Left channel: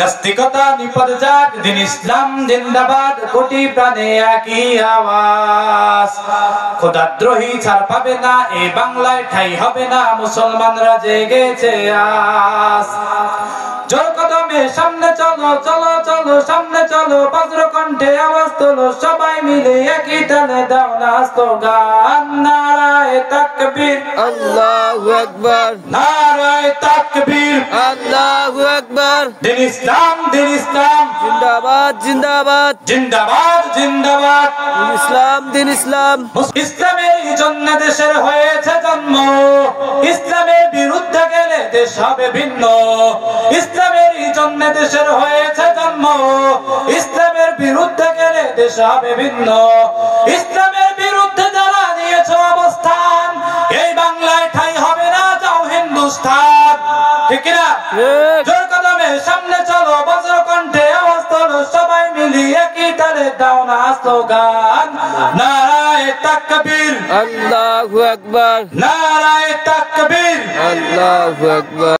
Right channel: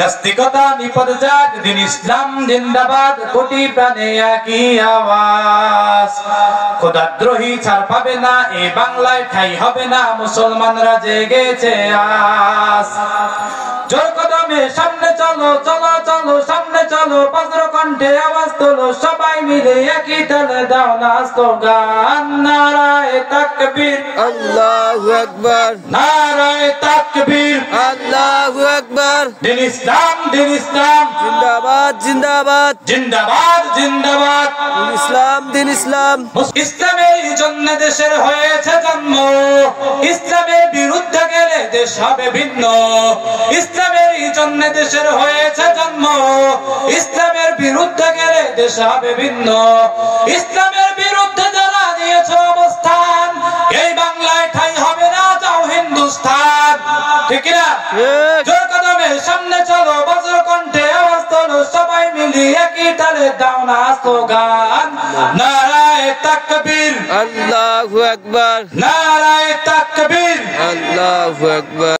নাস্তিকতা নিপদ যাক, দিন ইসলাম জিন্দাবাদ, কোটি প্রাণে একই আওয়াজ। খোদাদ্রোহী ছাড় পাবে না, এই বাংলায় ঠাই হবে না, মুসলমানরা জেগেছে আজ। জোর কদমে সামনে চলো, চলো চলো সামনে চলো, বজ্র কণ্ঠে আওয়াজ তোলো, সবাই মিলে একই তালে দাও না স্লোগান, নারায়ে তাকবীর আল্লাহু আকবার, নারায়ে তাকবীর আল্লাহু আকবার। দিন ইসলাম জিন্দাবাদ জিন্দাবাদ, জিন্দাবাদ জিন্দাবাদ। দিন ইসলাম দিন ইসলাম। ইসলামের জন্য দেশের হয়েছে জন্ম, ইসলামের বিরুদ্ধে গেলে দেশ হবে ভিন্ন। ইসলামের জন্য দেশের হয়েছে জন্ম, ইসলামের বিরুদ্ধে গেলে দেশ হবে ভিন্ন। ইসলামের বিরুদ্ধে যারা নিয়েছে অবস্থান, এই বাংলায় ঠাই হবে না, যাও হিন্দুস্তান। ঠিক না? জোর কদমে সামনে চলো, বজ্র কণ্ঠে আওয়াজ তোলো, সবাই মিলিয়ে একই তালে দাও না স্লোগান, নারায়ে তাকবীর আল্লাহু আকবার, নারায়ে তাকবীর আল্লাহু আকবার।